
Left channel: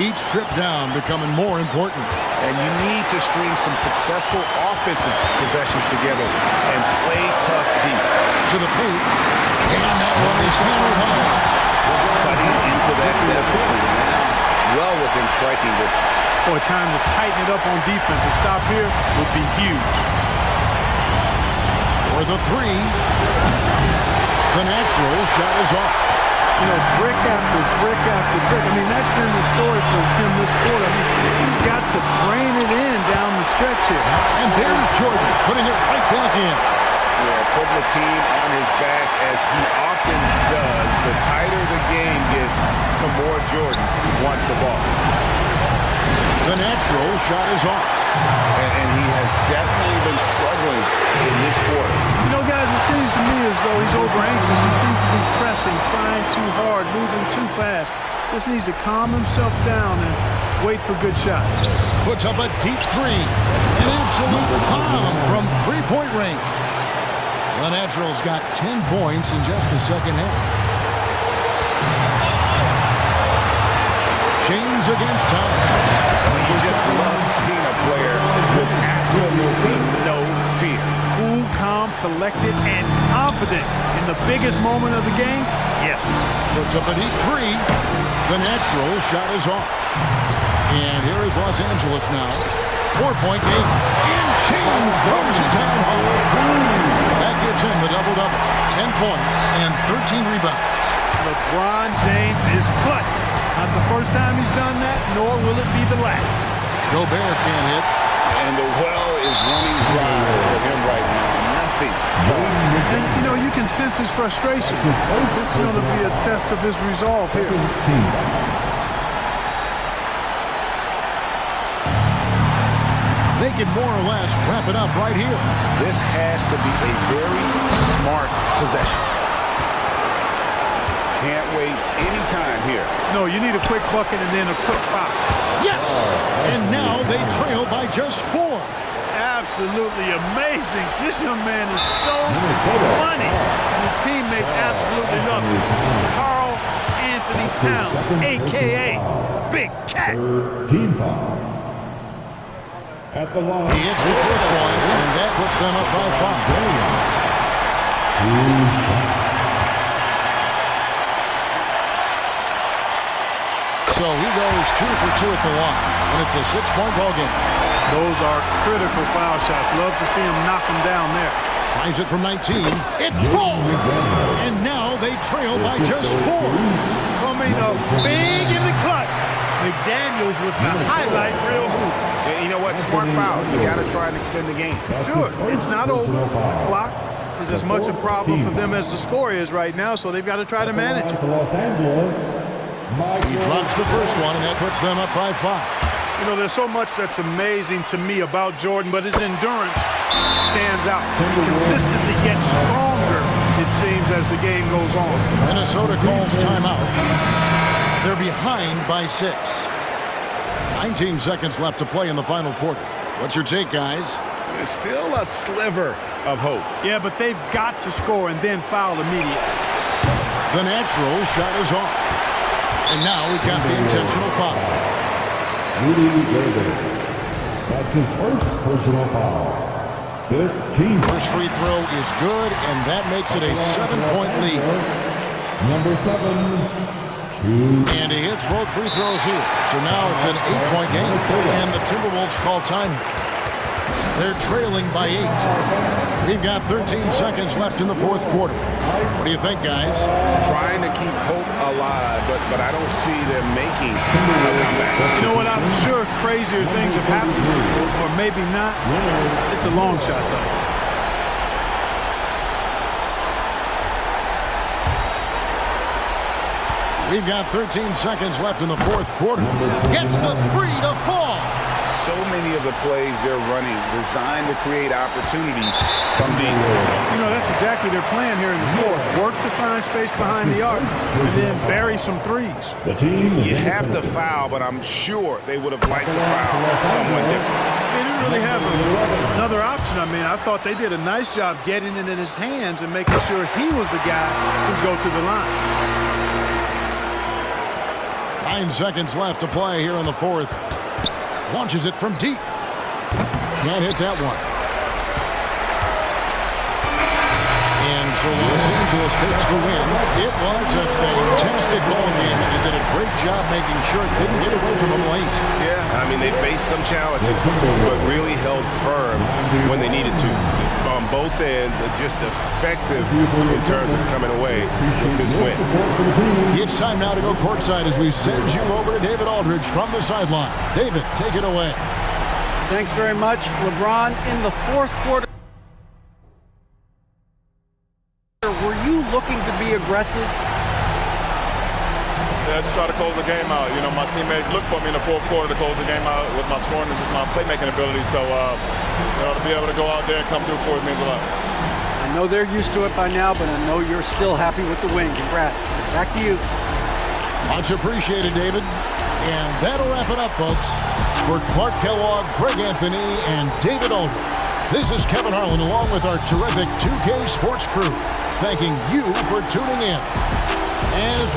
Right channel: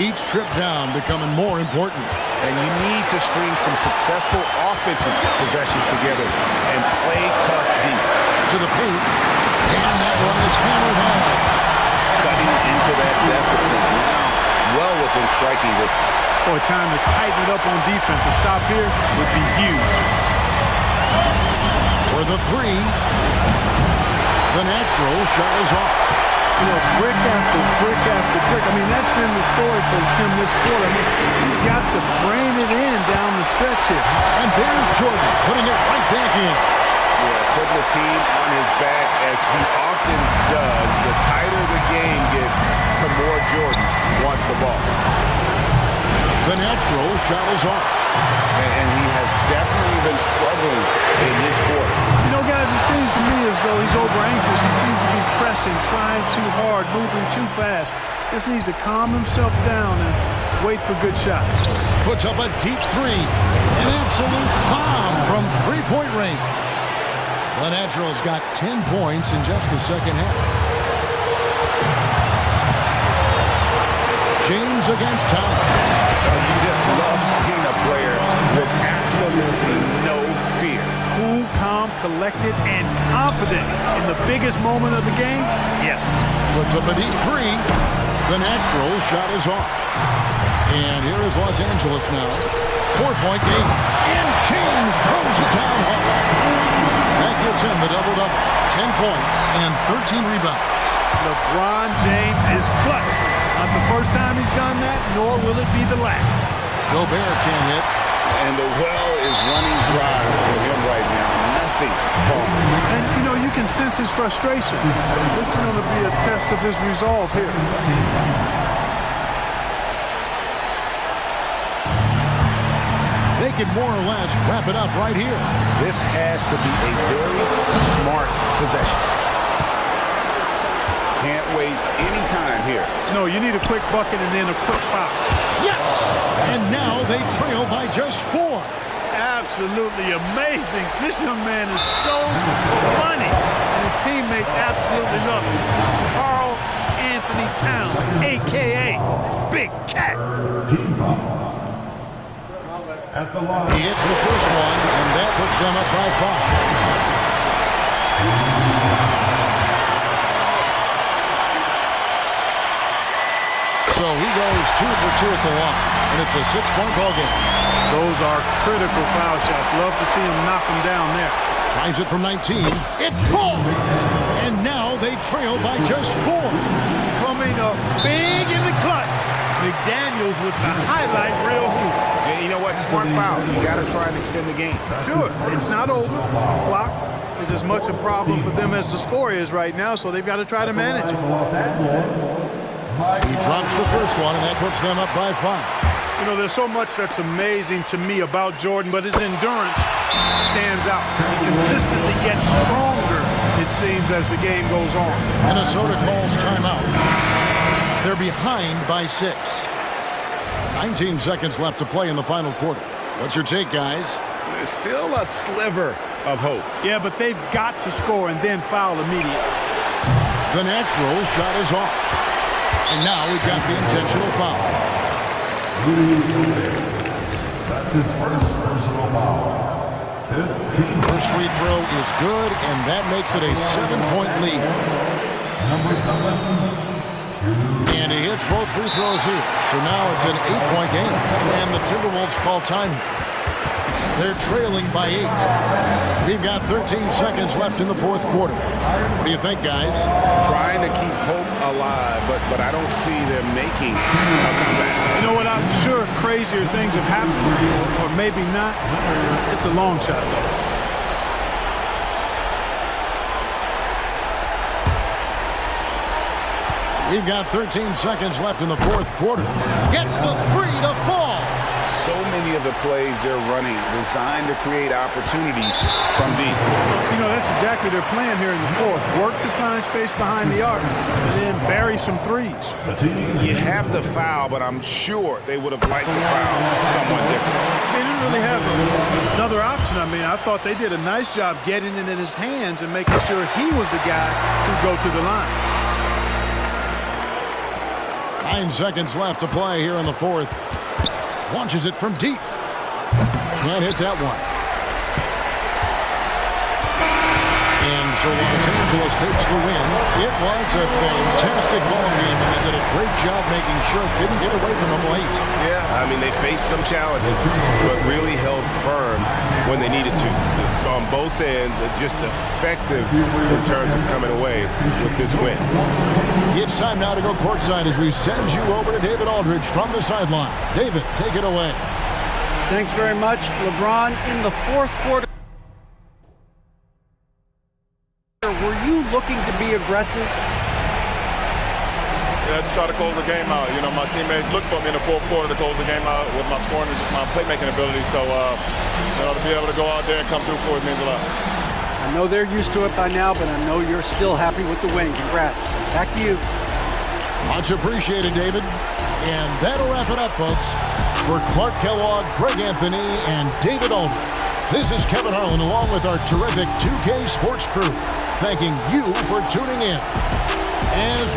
Each trip down becoming more important. And you need to string some successful offensive possessions together and play tough deep. To the paint. And that one is hammered home. Cutting into that deficit now, well within striking distance. Boy, time to tighten it up on defense. A stop here would be huge. For the 3. The natural shot is off. You know, brick after brick after brick. I mean, that's been the story for him this quarter. I mean, he's got to brain it in down the stretch here. And there's Jordan putting it right back in. Yeah, putting the team on his back as he often does. The tighter the game gets, the more Jordan wants the ball. The natural shot is off. and he has definitely been struggling in this quarter. You know, guys, it seems to me as though he's over-anxious. He seems to be pressing, trying too hard, moving too fast. Just needs to calm himself down and wait for good shots. Puts up a deep three. An absolute bomb from three-point range. The Naturals got 10 points in just the second half. James against Towns. You just love seeing a player with absolutely no fear. Cool, calm, collected, and confident in the biggest moment of the game? Yes. Puts up a deep three. The Naturals shot is off. And here is Los Angeles now. 4-point game. And James throws it down home. That gives him the double-double. 10 points and 13 rebounds. LeBron James is clutch. Not the first time he's done that, nor will it be the last. Gobert can't hit. And the well is running dry for him right now. Nothing falling. And, you know, you can sense his frustration. This is going to be a test of his resolve here. They can more or less wrap it up right here. This has to be a very smart possession. Can't waste any time here. No, you need a quick bucket and then a quick foul. Yes! And now they trail by just 4. Absolutely amazing. This young man is so money, and his teammates absolutely love him. Karl Anthony Towns, a.k.a. Big Cat. Team foul. At the line. He hits the first one, and that puts them up by 5. So he goes 2 for 2 at the line, and it's a 6-point ball game. Those are critical foul shots. Love to see him knock them down there. Tries it from 19. It falls! And now they trail by just 4. Coming up big in the clutch. McDaniels with the highlight reel hoop. And you know what? Smart foul. You got to try and extend the game. Sure, it's not over. The clock is as much a problem for them as the score is right now, so they've got to try to manage it. He drops the first one, and that puts them up by 5. You know, there's so much that's amazing to me about Jordan, but his endurance stands out. He consistently gets stronger, it seems, as the game goes on. Minnesota calls timeout. They're behind by 6. 19 seconds left to play in the final quarter. What's your take, guys? There's still a sliver of hope. Yeah, but they've got to score and then foul immediately. The Naturals shot is off. And now we've got the intentional foul. Rudy Gobert. That's his first personal foul. 15. First free throw is good, and that makes it a 7-point lead. Number 7. And he hits both free throws here. So now it's an 8-point game. And the Timberwolves call time here. They're trailing by 8. We've got 13 seconds left in the fourth quarter. What do you think, guys? Trying to keep hope alive, but I don't see them making a comeback. You know what? I'm sure crazier things have happened, or maybe not. It's a long shot, though. We've got 13 seconds left in the fourth quarter. Gets the 3 to fall. So many of the plays they're running designed to create opportunities from deep. You know, that's exactly their plan here in the fourth. Work to find space behind the arc and then bury some threes. You have to foul, but I'm sure they would have liked to foul someone different. They didn't really have another option. I mean, I thought they did a nice job getting it in his hands and making sure he was the guy who'd go to the line. 9 seconds left to play here in the fourth. Launches it from deep. Can't hit that one. And so Los Angeles takes the win. It was a fantastic ball game, and they did a great job making sure it didn't get away from them late. Yeah, I mean, they faced some challenges, but really held firm when they needed to. On both ends, just effective in terms of coming away with this win. It's time now to go courtside as we send you over to David Aldridge from the sideline. David, take it away. Thanks very much. LeBron, in the fourth quarter, were you looking to be aggressive? just try to close the game out. You know, my teammates look for me in the fourth quarter to close the game out with my scoring and just my playmaking ability. So, you know, to be able to go out there and come through for it means a lot. I know they're used to it by now, but I know you're still happy with the win. Congrats. Back to you. Much appreciated, David. And that'll wrap it up, folks. For Clark Kellogg, Greg Anthony, and David Aldridge, this is Kevin Harlan along with our terrific 2K Sports crew, thanking you for tuning in. As